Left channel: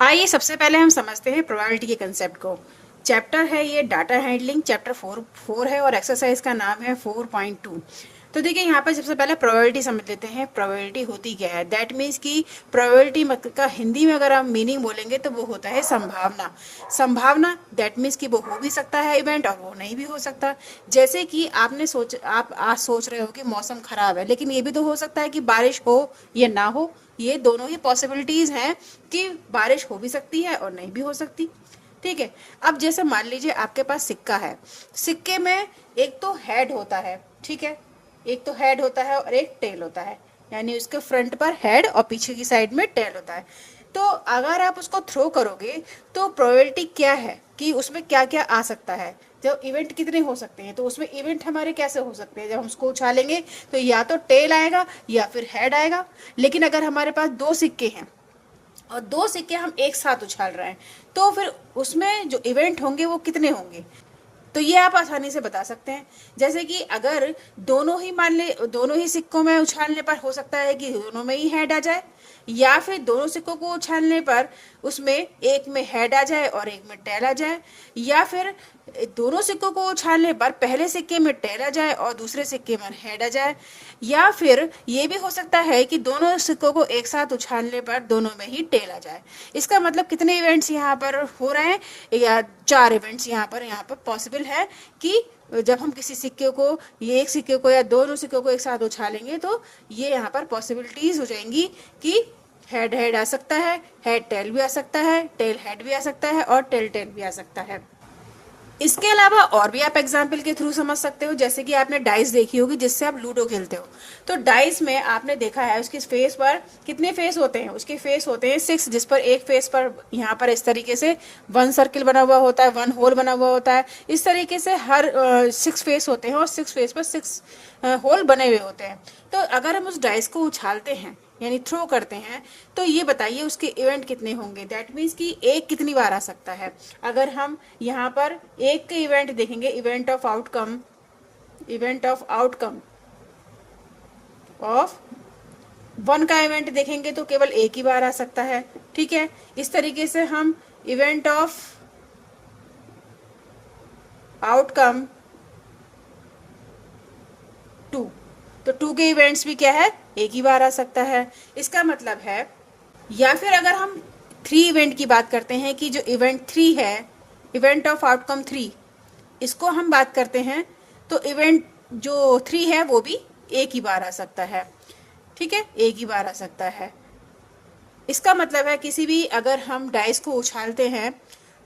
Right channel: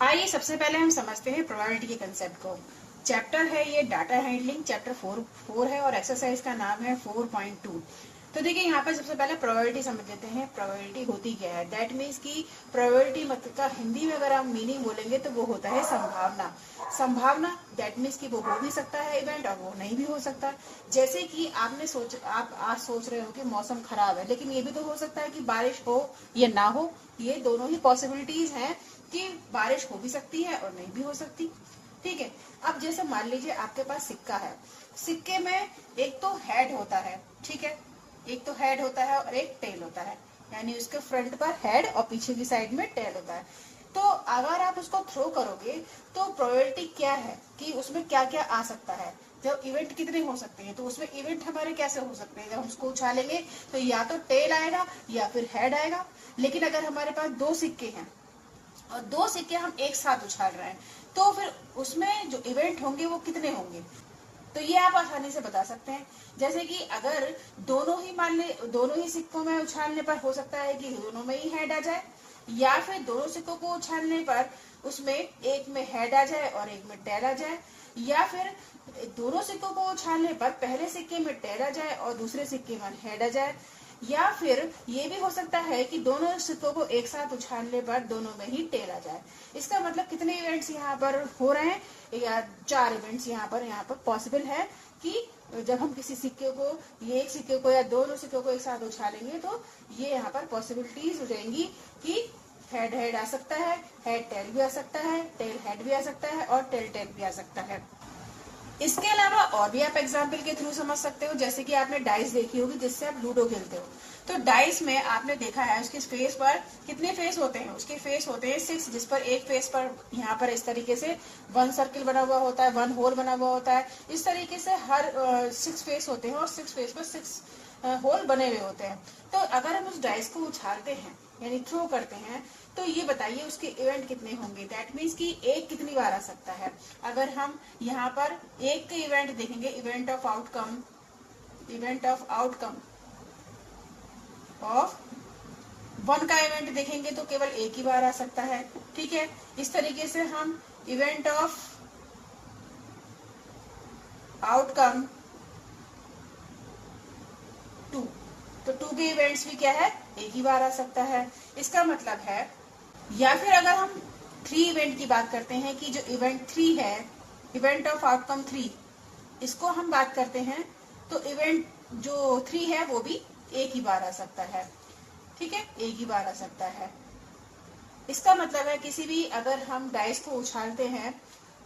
आइए सबसे पहले हम समझते हैं प्रोबेबिलिटी के कंसेप्ट को। चैप्टर है ये डाटा हैंडलिंग, चैप्टर 4 है और एक्सरसाइज का नाम है 4.2। तो देखिए यहाँ पर सबसे पहले प्रोबेबिलिटी समझ लेते हैं। प्रोबेबिलिटी होती क्या है? दैट मीन्स कि प्रोबेबिलिटी मतलब का हिंदी में अगर हम मीनिंग बोलेंगे तो वो होता है संभावना। संभावना दैट मीन्स कि वो हो भी सकता है इवेंट और वो नहीं भी हो सकता। जैसे कि आप आज सोच रहे हो कि मौसम खराब है, लेकिन ये भी तो हो सकता है कि बारिश हो या ना हो। ये दोनों ही पॉसिबिलिटीज हैं कि बारिश हो भी सकती है और नहीं भी हो सकती। ठीक है। अब जैसे मान लीजिए आपके पास सिक्का है, सिक्के में एक तो हेड होता है, ठीक है, एक तो हेड होता है और एक टेल होता है, यानी उसके फ्रंट पर हेड और पीछे की साइड में टेल होता है। तो अगर आप उसको थ्रो करोगे तो प्रोबेबिलिटी क्या है कि उसमें क्या क्या आ सकता है, जो इवेंट कितने हो सकते हैं। तो उसमें इवेंट हमारे कैसे हो सकते हैं? जब हम उसको उछालेंगे तो या तो टेल आएगा या फिर हेड आएगा। लेकिन अगर हमारे पास दो सिक्के हैं और दो सिक्के हम एक साथ उछाल रहे हैं तो फिर उसमें जो इवेंट होंगे वो कितने होंगे? तो ये आप आसानी से बता सकते हैं। जैसे कि अगर दोनों ही मान ले, दोनों ही सिक्कों में उछालने पर हो सकता है कि दोनों में ही हेड आ जाए, या फिर दोनों सिक्कों को उछालने पर उसमें एक में हेड आ जाए और एक में टेल आ जाए, या फिर दोनों सिक्कों को उछालने पर पहले सिक्के में टेल आ जाए और दूसरे सिक्के में हेड आ जाए, या फिर ये भी हो सकता है कि दोनों सिक्कों को एक साथ उछालने पर दोनों में ही टेल आ जाए। इसका मतलब कितने इवेंट्स यहाँ पर हो रहे हैं? या 4 इवेंट्स यहाँ पर पॉसिबल है कि जब हम किसी सिक्के को, ये एक सिक्के को या दोनों सिक्कों को एक साथ उछालेंगे तो ये यहाँ पर पॉसिबिलिटीज हो जाएंगी कि हेड हेड आ सकता है, हेड टेल भी आ सकता है, टेल हेड भी आ सकता है और टेल टेल भी आ सकता है। इसके अलावा और भी आप एग्जाम्पल के थ्रू समझ सकते हो। जैसे कि आपने डाइस देखी होगी जिससे आप लूडो खेलते हो, तो डाइस में आपने देखा है उसके फेस पर कितने फेस होते हैं? उसके फेस होते हैं 6, जिस पर एक फेस पर यहाँ पर इस तरीके से 1 सर्किल बना हुआ होता है, 1 होल बना हुआ होता है। इस तरीके से हर 6 फेस होते हैं और 6 फेस पर 6 होल बने हुए होते हैं। तो अगर हम उस डाइस को उछालते हैं यानी थ्रो करते हैं तो ये बताइए उसके इवेंट कितने होंगे? दैट मीन्स कि एक कितनी बार आ सकता है। अगर हम यहाँ पर एक के इवेंट देखेंगे, इवेंट ऑफ आउटकम ऑफ 1 का इवेंट देखेंगे तो केवल एक ही बार आ सकता है। ठीक है। इस तरीके से हम इवेंट ऑफ आउटकम 2, तो 2 के इवेंट्स भी क्या है? एक ही बार आ सकता है। इसका मतलब है, या फिर अगर हम 3 इवेंट की बात करते हैं कि जो इवेंट 3 है, इवेंट ऑफ आउटकम 3, इसको हम बात करते हैं तो इवेंट जो 3 है वो भी एक ही बार आ सकता है। ठीक है, एक ही बार आ सकता है। इसका मतलब है किसी भी अगर हम डाइस को उछालते हैं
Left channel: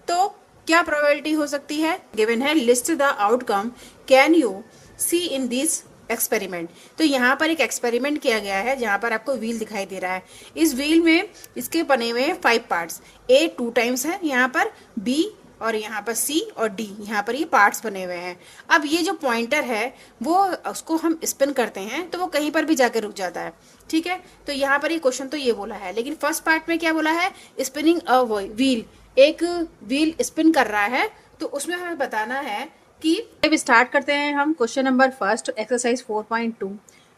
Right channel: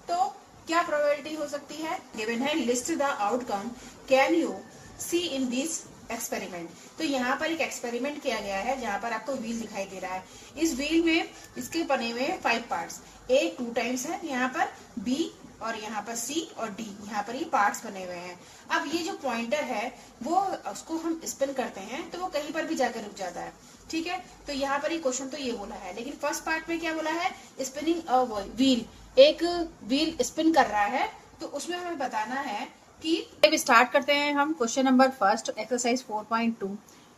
तो क्या प्रोबेबिलिटी हो सकती है? गिवन है list the outcome can you see in this experiment. तो यहाँ पर एक एक्सपेरिमेंट किया गया है जहाँ पर आपको व्हील दिखाई दे रहा है। इस व्हील में इसके बने हुए हैं 5 पार्ट्स। ए 2 टाइम्स है यहाँ पर, बी और यहाँ पर सी और डी, यहाँ पर ये पार्ट्स बने हुए हैं। अब ये जो पॉइंटर है वो उसको हम स्पिन करते हैं तो वो कहीं पर भी जाकर रुक जाता है। ठीक है। तो यहाँ पर ये क्वेश्चन तो ये बोला है, लेकिन फर्स्ट पार्ट में क्या बोला है? स्पिनिंग अ व्हील, एक व्हील स्पिन कर रहा है। तो उसमें हमें बताना है कि अब स्टार्ट करते हैं हम question number first, exercise 4.2।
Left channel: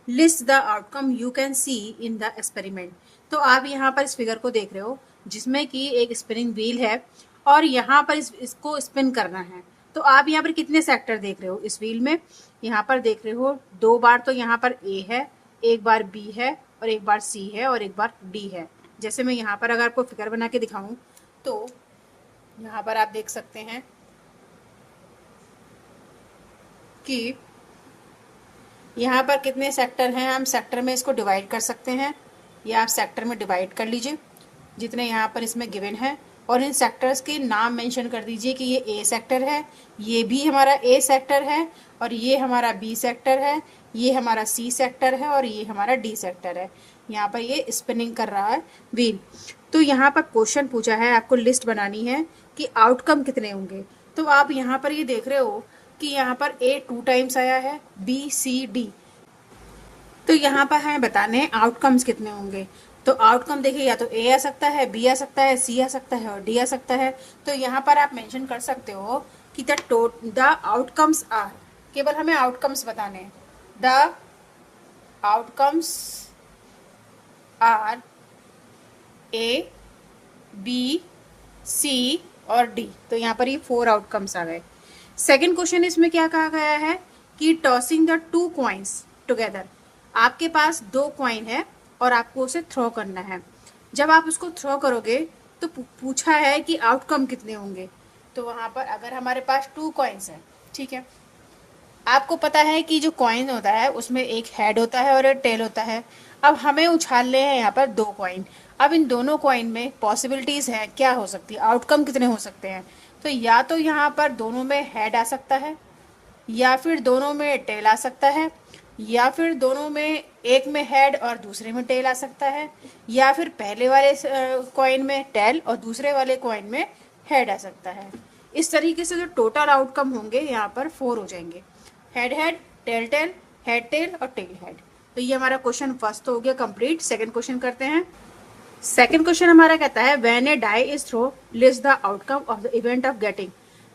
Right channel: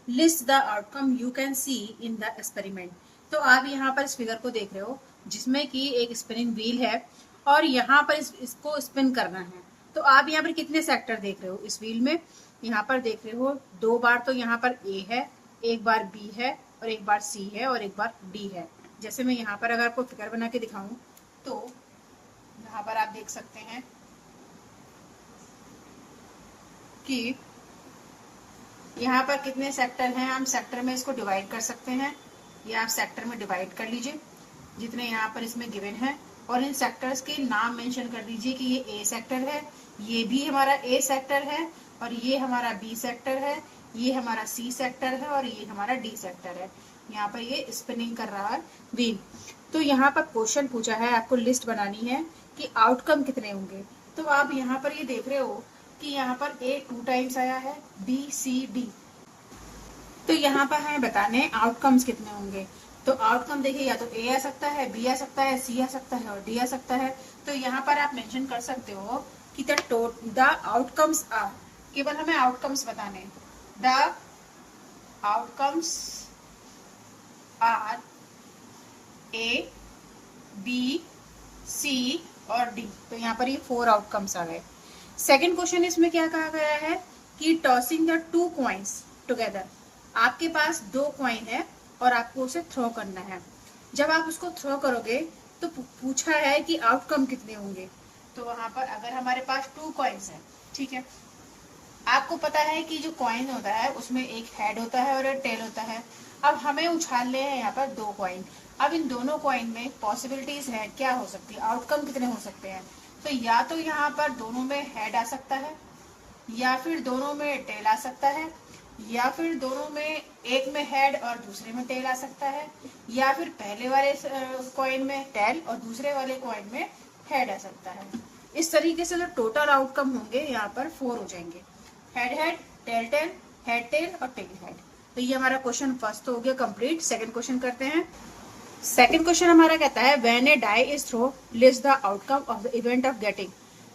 List the outcome you can see in the experiment. तो आप यहाँ पर इस फिगर को देख रहे हो जिसमें कि एक स्पिनिंग व्हील है और यहाँ पर इसको स्पिन करना है। तो आप यहाँ पर कितने सेक्टर देख रहे हो इस व्हील में? यहाँ पर देख रहे हो 2 बार तो यहाँ पर ए है, एक बार बी है और एक बार सी है और एक बार डी है। जैसे मैं यहाँ पर अगर आपको फिगर बना के दिखाऊं तो यहाँ पर आप देख सकते हैं कि यहाँ पर कितने सेक्टर हैं। हम सेक्टर में इसको डिवाइड कर सकते हैं, या आप सेक्टर में डिवाइड कर लीजिए जितने यहाँ पर इसमें गिवन है, और इन सेक्टर्स के नाम मेंशन कर दीजिए कि ये ए सेक्टर है, ये भी हमारा ए सेक्टर है, और ये हमारा बी सेक्टर है, ये हमारा सी सेक्टर है और ये हमारा डी सेक्टर है। यहाँ पर ये स्पिनिंग कर रहा है व्हील। तो यहाँ पर क्वेश्चन पूछा है, आपको लिस्ट बनानी है कि आउटकम कितने होंगे। तो आप यहाँ पर ये देख रहे हो कि यहाँ पर ए 2 टाइम्स आया है, बी सी डी। तो यहाँ पर हमें बताने हैं आउटकम्स कितने होंगे। तो आउटकम देखिए, या तो ए आ सकता है, बी आ सकता है, सी आ सकता है और डी आ सकता है। तो यहाँ पर आप मेंशन कर सकते हो कि द आउटकम्स आर, केवल हमें आउटकम्स बताने हैं। The outcomes are A, B, C और डी। तो यहाँ पर ये 4 आउटकम्स आ गए। सेकेंड क्वेश्चन इसमें क्या कहा गया है कि टॉसिंग द 2 कॉइन्स टुगेदर। आपके पास 2 कॉइन है और आपको उसे थ्रो करना है। जब आप उसको थ्रो करोगे तो पूछा है कि आउटकम कितने होंगे। तो वहां पर अगर हमारे पास 2 कॉइन्स है, ठीक है, आपको पता है कि जो कॉइन होता है उसमें एक हेड होता है और एक टेल होता है। अब हमें उछालने हैं यहाँ पर 2 कॉइन। अब इन दोनों कॉइन में पॉसिबिलिटीज है, क्या हो सकती है, आउटकम कितने हो सकते हैं। तो या तो यहाँ पर दोनों में हेड आ सकता है, या फिर दोनों में टेल आ सकता है, या फिर दोनों में एक में हेड और दूसरे में टेल आ सकता है, या फिर पहले वाले कॉइन में टेल और दूसरे वाले कॉइन में हेड आ सकता है। इस तरीके से जो टोटल आउटकम होंगे यहाँ पर 4 हो जाएंगे। Head head, tail tail, head tail और टेल हेड। तो ये हमारा क्वेश्चन फर्स्ट हो गया कंप्लीट। सेकंड क्वेश्चन करते हैं। सेकंड क्वेश्चन हमारा कहता है when a die is throw list the outcome of the event of getting.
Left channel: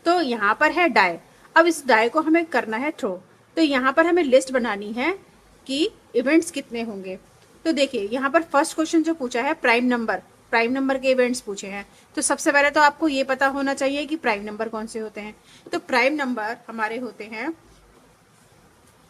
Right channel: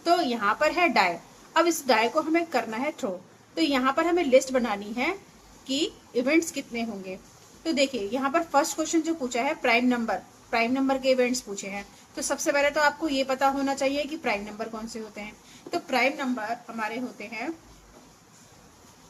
तो यहाँ पर है डाई। अब इस डाई को हमें करना है थ्रो। तो यहाँ पर हमें लिस्ट बनानी है कि इवेंट्स कितने होंगे। तो देखिए यहाँ पर फर्स्ट क्वेश्चन जो पूछा है प्राइम नंबर के इवेंट्स पूछे हैं। तो सबसे पहले तो आपको ये पता होना चाहिए कि प्राइम नंबर कौन से होते हैं। तो प्राइम नंबर हमारे होते हैं,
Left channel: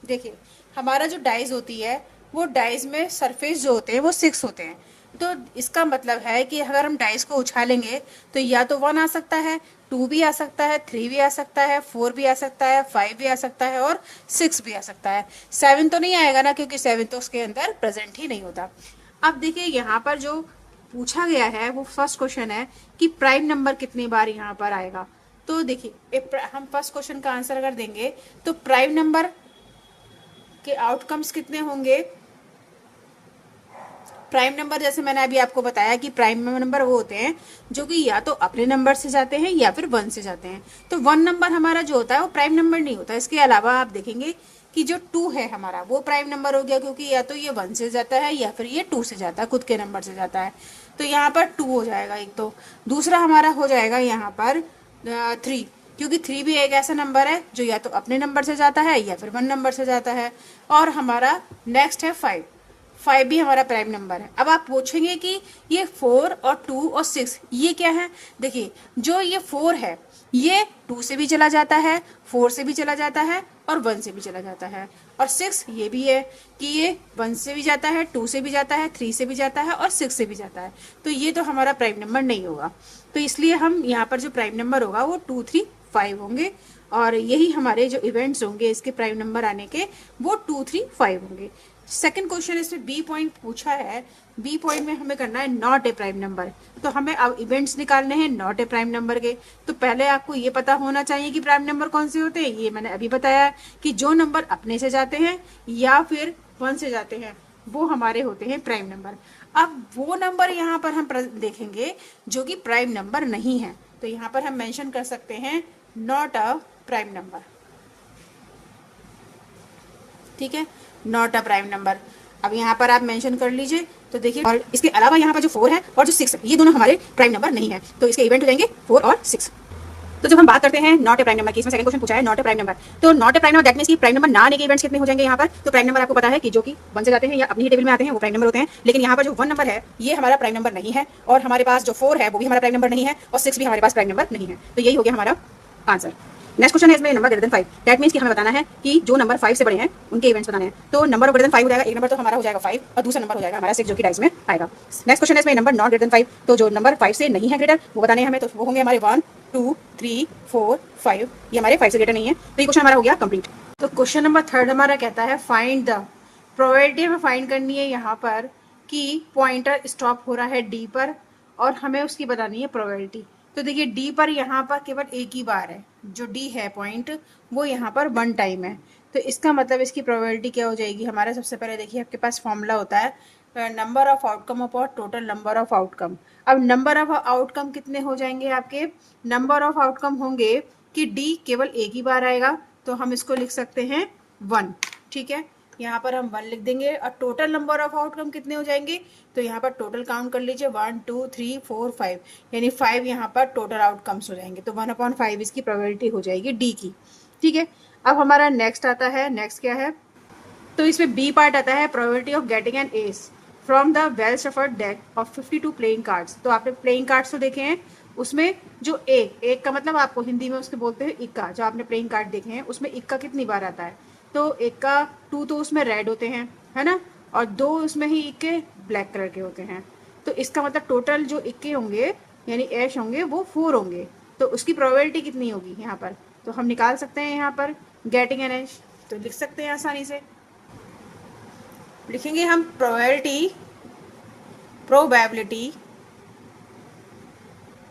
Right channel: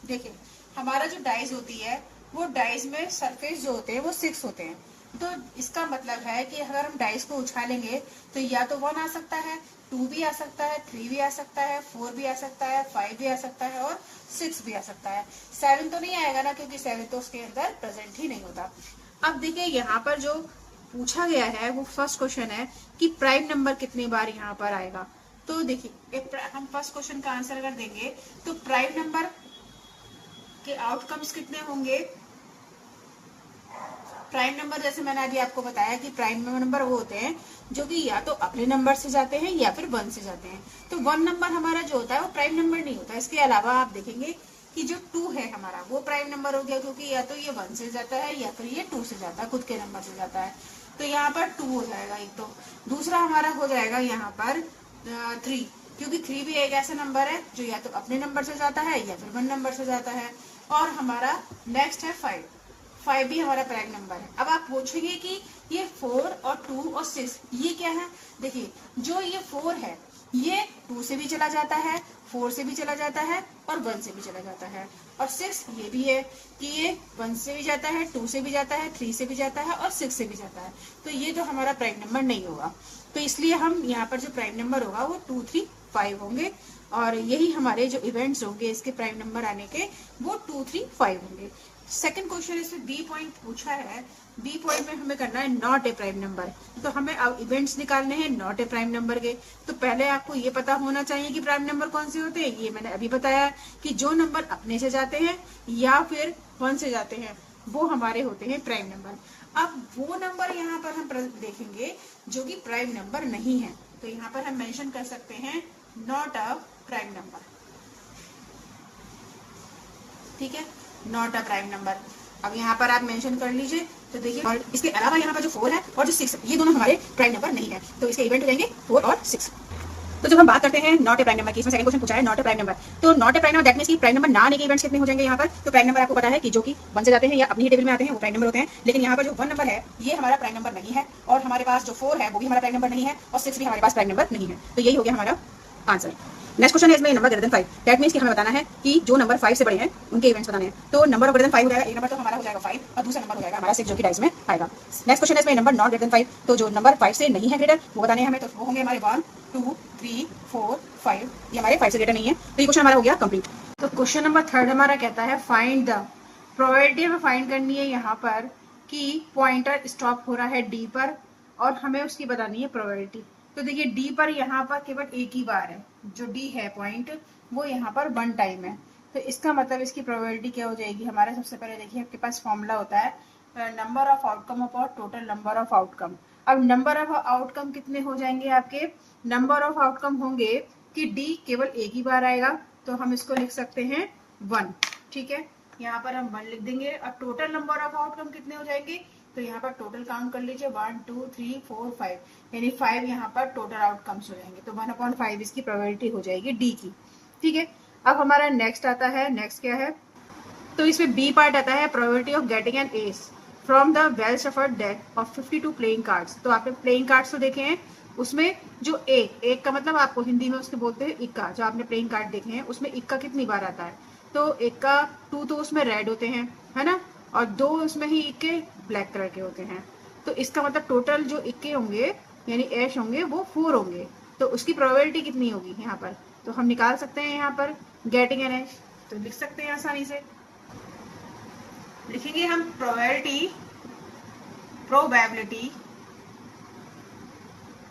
देखिए हमारा जो डाइज होती है वो डाइज में सरफेस जो होते हैं वो 6 होते हैं। तो इसका मतलब है कि अगर हम डाइस को उछालेंगे तो या तो 1 आ सकता है, 2 भी आ सकता है, 3 भी आ सकता है, 4 भी आ सकता है, 5 भी आ सकता है और 6 भी आ सकता है। 7 तो नहीं आएगा ना, क्योंकि 7 तो उसके अंदर प्रेजेंट ही नहीं होता। अब देखिए यहाँ पर जो पूछा गया है वो फर्स्ट क्वेश्चन है कि प्राइम नंबर कितनी बार यहाँ पर आएगा। तो देखिए हम फर्स्ट क्वेश्चन का आंसर अगर देंगे तो प्राइम नंबर के आउटकम्स कितने होंगे। प्राइम नंबर जैसे मैंने अभी आपको बताया कि प्राइम नंबर वो होते हैं जो कि या तो अपने नंबर से जाते हैं या फिर 1 से जाते हैं। तो 1 नंबर हमारा जो होता है वो प्राइम नंबर नहीं होता। इसके अलावा आप देखेंगे कि जो 2 है हमारा वो प्राइम नंबर हो गया, क्योंकि या तो ये 1 से जाता है या फिर ये 2 से जाता है, खुद के नंबर से जाता है। तो यहाँ पर 2 हो जाएगा एक। तो दूसरा हमारा हो जाएगा यहाँ पर 3, क्योंकि 3 भी एक ऐसा नंबर है जो या तो अपने नंबर से जाता है या फिर 1 नंबर से जाता है। और हमारा नेक्स्ट है 5 भी हमारा प्राइम नंबर है। अब आप पूछेंगे कि ये 4 और 2 और 6 ये क्या है। देखिए जो ये 4 है ये 2 से भी चला जाता है, 4 से भी चला जाता है और 1 से भी चला जाता है। और 6 ये भी है कि ये 1 से भी जाता है, 2 से भी जाता है, 3 से भी जाता है और 6 से भी जाता है। तो ये तो हमारा प्राइम नंबर नहीं होगा। तो इसलिए हम यहाँ पर जो प्राइम नंबर होगा वो 2, 3, 5 होंगे। और यही हमारे जो इवेंट्स होंगे इसके प्राइम नंबर आने के वो 2, 3, 5 होंगे। सेकंड क्वेश्चन इसमें बी पॉइंट पूछा है। बी पॉइंट में हमें करना है नॉट ए प्राइम नंबर। तो हमें अब इवेंट्स निकालने हैं नॉट ए प्राइम नंबर के। तो पहले आपको ये पता होना चाहिए कि प्राइम नंबर कौन से होते हैं। ये मैंने अभी बताया कि जो नंबर अपने से जाते हैं या फिर 1 से जाते हैं वो हमारे होते हैं प्राइम नंबर। अब वो नंबर यहाँ पर हम देखेंगे जो कि प्राइम नंबर नहीं है। तो यहाँ पर हम मेंशन कर सकते हैं नॉट अ प्राइम नंबर, ठीक है, नॉट अ प्राइम नंबर। अब यहाँ पर आप मेंशन कर लीजिए। तो देखिए और इसके अलावा यहाँ पर जो 4 है और जो 6 है ये दोनों हमारे प्राइम नंबर नहीं है। तो इसके इवेंट हो जाएंगे 4 और 6। तो जब हम बात करते हैं नॉट ए प्राइम नंबर की, इसमें सेकंड क्वेश्चन पूछा है नॉट ए प्राइम नंबर। तो not a prime number that means कि प्राइम नंबर ना आने के इवेंट्स कितने हो जाएंगे यहाँ पर। तो प्राइम नंबर आपको पता है कि जो कि 1 से जाते हैं या अपनी ही टेबल में आते हैं वो प्राइम नंबर होते हैं। लेकिन यहाँ पर जो 1 नंबर है ये हमारा प्राइम नंबर नहीं है, और हमारे पास जो 4 है वो भी हमारा प्राइम नंबर नहीं है, और 6 भी हमारे पास प्राइम नंबर नहीं है। तो यही हो गया हमारा आंसर। नेक्स्ट क्वेश्चन है इसमें number greater than 5। That means कि हमें बताना है कि जो नंबर 5 से बड़े हैं उनके इवेंट्स बताने हैं। तो नंबर ग्रेटर देन 5 हो जाएगा, एक नंबर तो हमारा हो जाएगा 5 और दूसरा नंबर हो जाएगा हमारा 6 जो कि डाइस में आएगा। नेक्स्ट क्वेश्चन है इसमें नंबर नॉट ग्रेटर देन 5। तो जो नंबर 5 से नहीं है ग्रेटर वो बताने हैं हमें। तो वो होंगे हमारे 1, 2, 3, 4, 5। ये हमारे 5 से ग्रेटर नहीं है। तो ये क्वेश्चन हमारा हो गया कंप्लीट। तो क्वेश्चन नंबर 3 हमारा कहता है फाइंड द प्रोबेबिलिटी। हमें फाइंड करनी है यहाँ पर कि पॉइंटर स्टॉप हो रहा है डी पर और हमें उसकी बतानी है प्रोबेबिलिटी। तो देखिए डी पर यहाँ पर केवल एक ही बार है, जो डी है पॉइंट वो यहाँ पर 1 टाइम है। तो इसका मतलब इसकी प्रोबेबिलिटी क्या हो जाएगी हमारा। सबसे पहले देखिए आपके पास फॉर्मूला होता है number of outcome upon total number of outcome. अब नंबर ऑफ आउटकम कितने हो जाएंगे आपके। नंबर ऑफ आउटकम होंगे कि डी केवल एक ही बार आएगा, तो हम इसको लिख सकते हैं 1, ठीक है। यहाँ पर हम 1 लिख देंगे। और टोटल नंबर ऑफ आउटकम कितने हो जाएंगे। तो यहाँ पर टोटल काउंट कर लीजिए 1, 2, 3, 4, 5, यानी 5 यहाँ पर टोटल आउटकम्स हो जाएंगे। तो 1/5 इसकी प्रोबेबिलिटी हो जाएगी डी की, ठीक है। अब हमारा नेक्स्ट आता है, नेक्स्ट क्या है। तो इसमें बी पार्ट आता है probability of getting an S from the well shuffled deck of 52 playing cards. तो आपने प्लेइंग कार्ड्स तो देखे हैं, उसमें जो एक का मतलब आपको हिंदी में उसके बोलते हैं इक्का। जो आपने प्लेइंग कार्ड देखे हैं उसमें इक्का कितनी बार आता है, तो इक्का 2 तो उसमें रेड होते हैं, है ना, और 2 उसमें ही इक्के ब्लैक कलर के होते हैं। तो इसका मतलब टोटल जो इक्के होंगे यानी ऐश होंगे वो 4 होंगे। तो उसकी प्रोबेबिलिटी कितनी होगी यहाँ पर, तो हम निकाल सकते हैं यहाँ पर गेटिंग एन ऐश। तो लिख सकते हैं आसानी से, लिखेंगे हम प्रोबेबिलिटी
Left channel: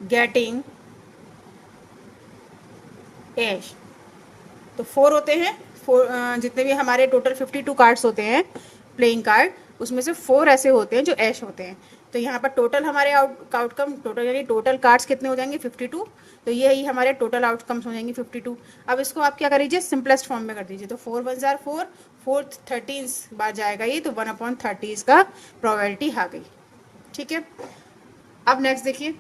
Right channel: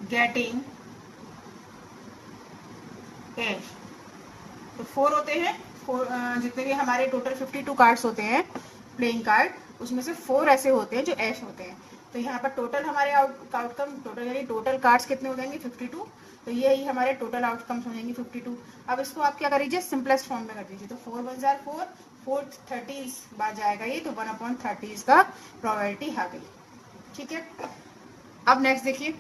गेटिंग ऐश। तो 4 होते हैं, 4 जितने भी हमारे टोटल 52 कार्ड्स होते हैं प्लेइंग कार्ड, उसमें से 4 ऐसे होते हैं जो ऐश होते हैं। तो यहाँ पर टोटल हमारे आउटकम टोटल यानी टोटल कार्ड्स कितने हो जाएंगे 52। तो ये ही हमारे टोटल आउटकम्स हो जाएंगे 52। अब इसको आप क्या कर दीजिए, सिंपलेस्ट फॉर्म में कर दीजिए। तो 4 1 जार 4, 4 13 बार जाएगा ये, तो 1/30 इसका प्रोबेबिलिटी आ गई। ठीक है, अब नेक्स्ट देखिए,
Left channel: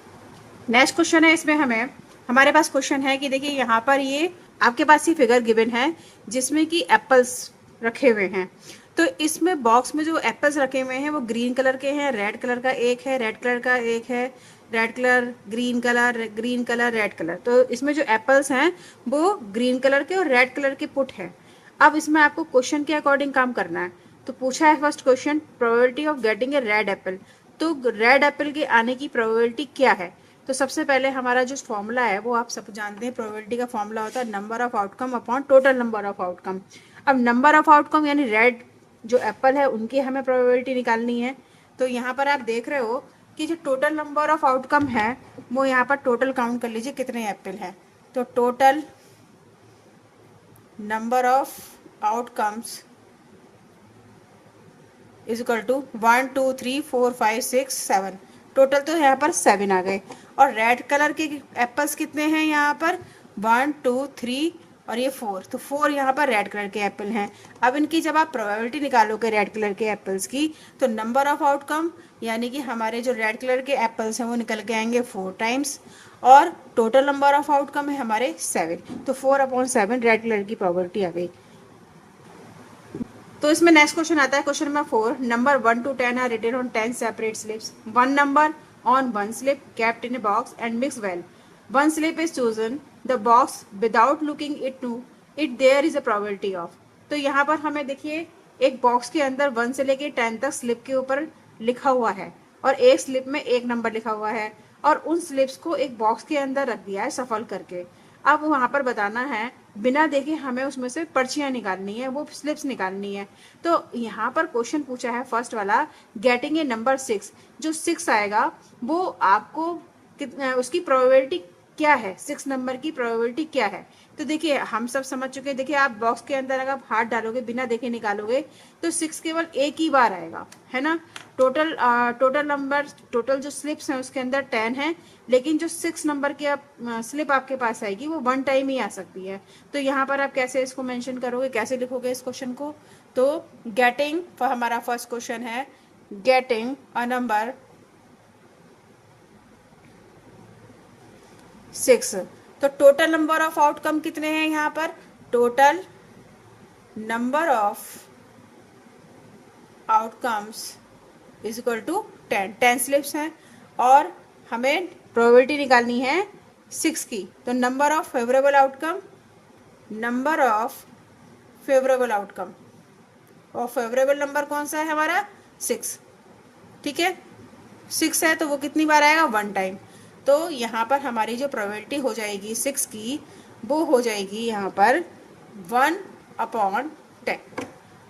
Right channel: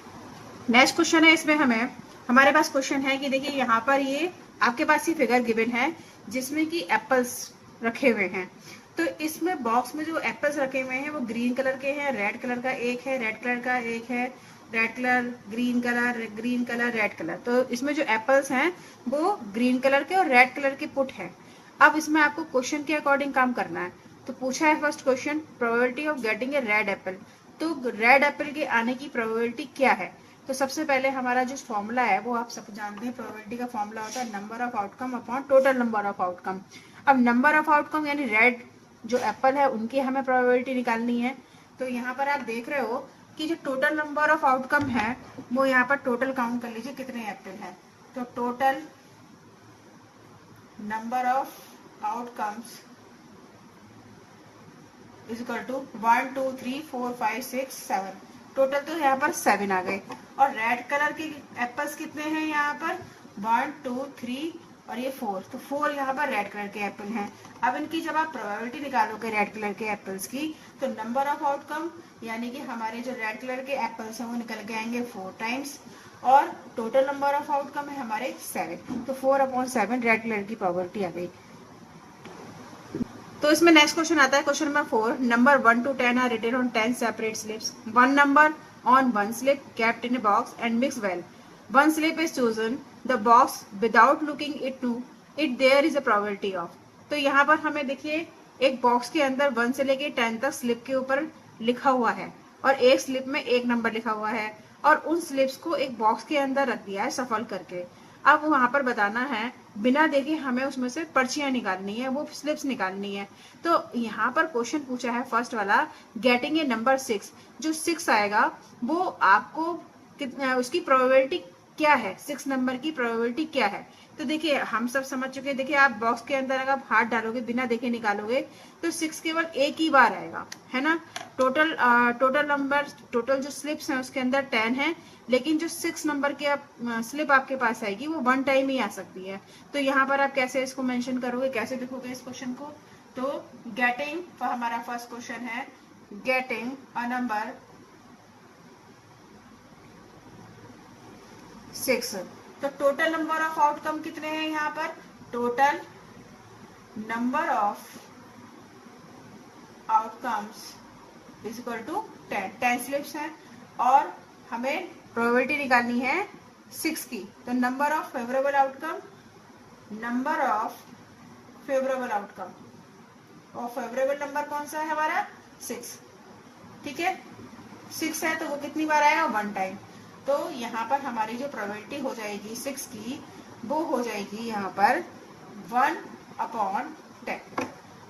नेक्स्ट क्वेश्चन है। इसमें हमारे पास क्वेश्चन है कि देखिए यहाँ पर ये आपके पास ये फिगर गिवन है जिसमें कि एप्पल्स रखे हुए हैं। तो इसमें बॉक्स में जो एप्पल्स रखे हुए हैं वो ग्रीन कलर के हैं, रेड कलर का एक है, रेड कलर का एक है, red colour, green colour, green colour, red colour. तो इसमें जो एप्पल्स हैं वो ग्रीन कलर के और रेड कलर के पुट है। अब इसमें आपको क्वेश्चन के अकॉर्डिंग काम करना है। तो पूछा है first question, probability of getting a red Apple. तो रेड एप्पल के आने की प्रोबेबिलिटी क्या है। तो सबसे पहले हमारा जो फॉर्मूला है वो आप सब जानते हैं, प्रोबेबिलिटी का फॉर्मूला होता है number of outcome upon total number of outcome. अब नंबर ऑफ आउटकम यानी रेड जो एप्पल है उनकी हमें प्रोबेबिलिटी निकालनी है। तो यहाँ पर आप देख रहे हो कि जो टोटल नंबर ऑफ आउटकम है वो यहाँ पर टोटल काउंट कर लीजिए कितने एप्पल है। तो total number of outcomes is equal to 1 2 3 4 5 6 7। Total तो यहाँ पर 7 आ गए। और रेड कलर के एप्पल्स कितने हैं यहाँ पर 1 2 3 और ये 4। तो 4 यहाँ पर रेड कलर के एप्पल हैं। अब इनकी जब आप प्रोबेबिलिटी निकालोगे रेड कलर के एप्पल्स की, तो नंबर ऑफ आउटकम यानी कि हमारे जो रेड कलर के एप्पल्स हैं वो निकल के आएंगे 4 टाइम्स, और टोटल नंबर ऑफ आउटकम है हमारे 7। तो 4/7 रेड कलर की प्रोबेबिलिटी आ गई। तो इसमें नेक्स्ट क्वेश्चन आता है, question number 4। Number 1 to 10 are written on 10 separate slips. One number on one slip kept in a box and mixed well. One slip is chosen, the box without looking it to it there is a probability of। तो यहाँ पर हमें देखिए एक box के अंदर 1 से लेके 10 तक स्लिप के ऊपर लिखा हुआ है और एक स्लिप में एक नंबर लिखा हुआ है, और उन स्लिप्स को एक बॉक्स के अंदर रख दिया है सफल करके। अब वहां पर बताना है बिना देखे हमें उसमें से पर्चियां निकालनी है, वो स्लिप्स निकालनी है। तो यहाँ पर क्वेश्चन पूछा है फर्स्ट वाला, गेटिंग ए नंबर 6। जो 6 आएगा वो आपको उसकी प्रोबेबिलिटी क्या है, 6 नंबर की प्रोबेबिलिटी क्या है। तो देखिए हम सब समझ चुके हैं। देखिए आप बॉक्स के अंदर अगर आप हाथ डालोगे बिना देखे निकालोगे तो 6 केवल एक ही बार आएगा, है ना। टोटल नंबर टोटल जो स्लिप्स हैं उसके अंदर 10 है, लेकिन जो 6 नंबर की आप स्लिप आपके पास आएगी वो 1 टाइम ही आ सकती है। तो यहाँ पर आप कैसे इसको मेंशन करोगे, कैसे लिखोगे इस क्वेश्चन को। तो गेटिंग हमारा फर्स्ट क्वेश्चन है, गेटिंग अ नंबर 6। तो टोटल नंबर ऑफ आउटकम कितने हैं यहाँ पर, total number of outcomes is equal to 10 slips हैं, और हमें प्रोबेबिलिटी निकालनी है 6 की। तो number of favourable outcome, number of favourable outcome, और फेवरेबल नंबर कौन सा है हमारा 6। ठीक है, 6 है तो वो कितनी बार आएगा 1 टाइम। तो यहाँ पर हमारी जो प्रोबेबिलिटी हो जाएगी 6 की वो हो जाएगी यहाँ पर 1/10।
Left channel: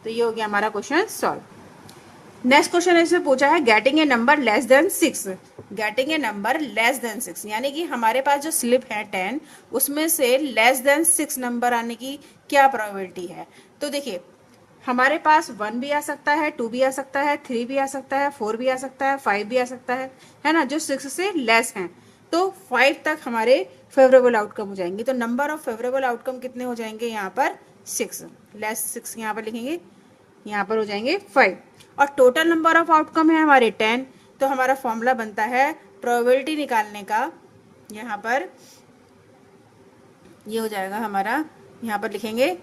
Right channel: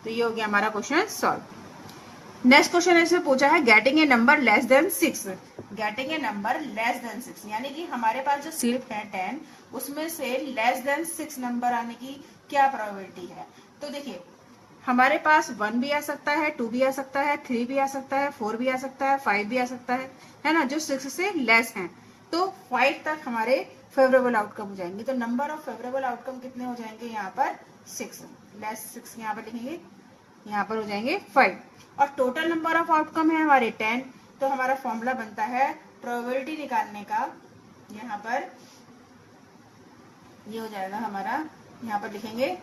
तो ये हो गया हमारा क्वेश्चन सॉल्व। नेक्स्ट क्वेश्चन इसमें पूछा है getting a number less than 6। Getting a number less than 6 यानी कि हमारे पास जो स्लिप है 10 उसमें से लेस देन 6 नंबर आने की क्या प्रोबेबिलिटी है। तो देखिए हमारे पास 1 भी आ सकता है, 2 भी आ सकता है, 3 भी आ सकता है, 4 भी आ सकता है, 5 भी आ सकता है ना, जो 6 से लेस हैं। तो 5 तक हमारे फेवरेबल आउटकम हो जाएंगे। तो नंबर ऑफ फेवरेबल आउटकम कितने हो जाएंगे यहाँ पर 6, लेस 6 यहाँ पर लिखेंगे, यहाँ पर हो जाएंगे 5। और टोटल नंबर ऑफ आउटकम है हमारे 10। तो हमारा फॉर्मूला बनता है प्रोबेबिलिटी निकालने का, यहाँ पर ये हो जाएगा हमारा, यहाँ पर लिखेंगे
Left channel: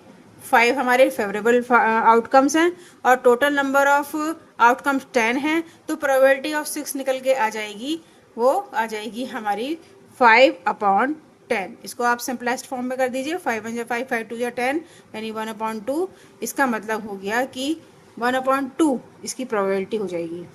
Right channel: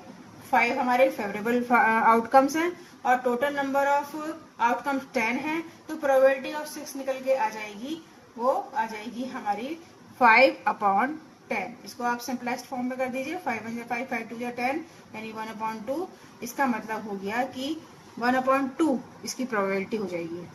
5 हमारे फेवरेबल आउटकम्स हैं और टोटल नंबर ऑफ आउटकम्स 10 हैं, तो प्रोबेबिलिटी ऑफ 6 निकल के आ जाएगी, वो आ जाएगी हमारी 5/10। इसको आप सिंपलेस्ट फॉर्म में कर दीजिए, 5 1 5 5 2 10 यानी 1/2। इसका मतलब हो गया कि 1/2 इसकी प्रोबेबिलिटी हो जाएगी।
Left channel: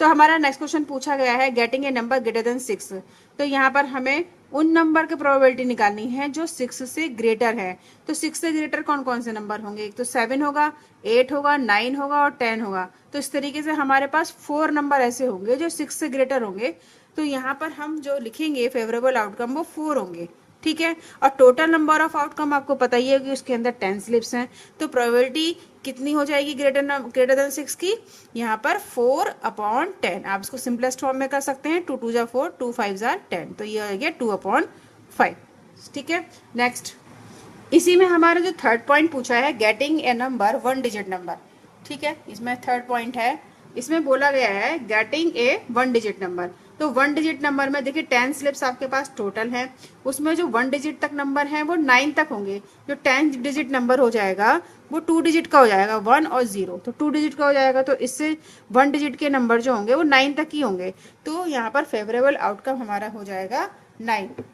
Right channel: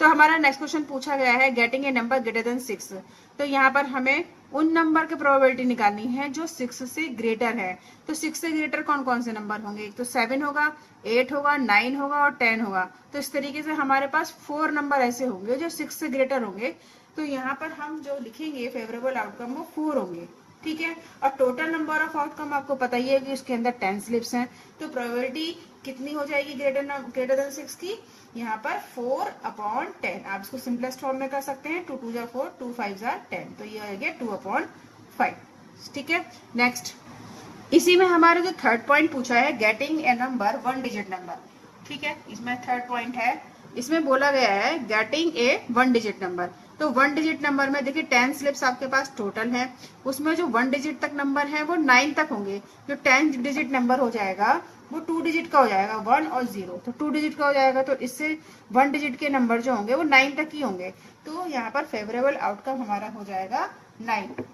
तो हमारा नेक्स्ट क्वेश्चन पूछा गया है getting a number greater than 6। तो यहाँ पर हमें उन नंबर की प्रोबेबिलिटी निकालनी है जो 6 से ग्रेटर है। तो 6 से ग्रेटर कौन कौन से नंबर होंगे? एक तो 7 होगा, 8 होगा, 9 होगा और 10 होगा। तो इस तरीके से हमारे पास 4 नंबर ऐसे होंगे जो 6 से ग्रेटर होंगे। तो यहाँ पर हम जो लिखेंगे फेवरेबल आउटकम वो 4 होंगे, ठीक है। और टोटल नंबर ऑफ आउटकम आपको पता ही है कि उसके अंदर 10 स्लिप्स हैं। तो प्रोबेबिलिटी कितनी हो जाएगी ग्रेटर देन 6 की? यहाँ पर 4/10। आप इसको सिंपलेस्ट फॉर्म में कर सकते हैं, 2 2 जा 4, 2 5 जा 10। तो ये हो गया 2/5, ठीक है। नेक्स्ट, इसी में हमारा जो थर्ड पॉइंट पूछा है getting a number 1 digit number, ठीक है। इसमें थर्ड पॉइंट है, इसमें बोला गया है गेटिंग ए 1 डिजिट नंबर। तो 1 डिजिट नंबर में देखिए 10 स्लिप्स आपके पास टोटल है, उसमें जो 1 डिजिट तक नंबर है वो 9 तक होंगे। जो 10 डिजिट नंबर हो जाएगा वो 2 डिजिट का हो जाएगा, 1 और 0। तो 2 डिजिट का हो जाएगा, तो इससे 1 डिजिट के नंबर जो होंगे वो 9 तक ही होंगे। तो यहाँ पर फेवरेबल आउटकम हमारा हो जाएगा 9।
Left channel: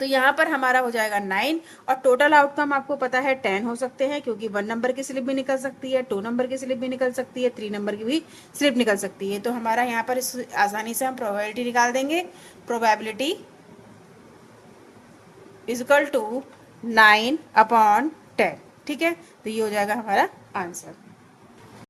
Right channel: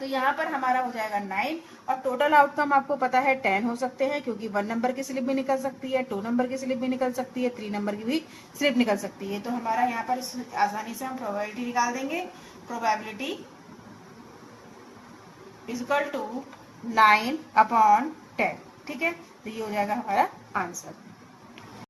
तो यहाँ पर हमारा हो जाएगा 9। और टोटल आउटकम आपको पता है 10 हो सकते हैं, क्योंकि 1 नंबर की स्लिप भी निकल सकती है, 2 नंबर की स्लिप भी निकल सकती है, 3 नंबर की भी स्लिप निकल सकती है। तो हमारा यहाँ पर आसानी से हम प्रोबेबिलिटी निकाल देंगे। प्रोबेबिलिटी इक्वल टू 9/10, ठीक है। तो ये हो जाएगा हमारा आंसर।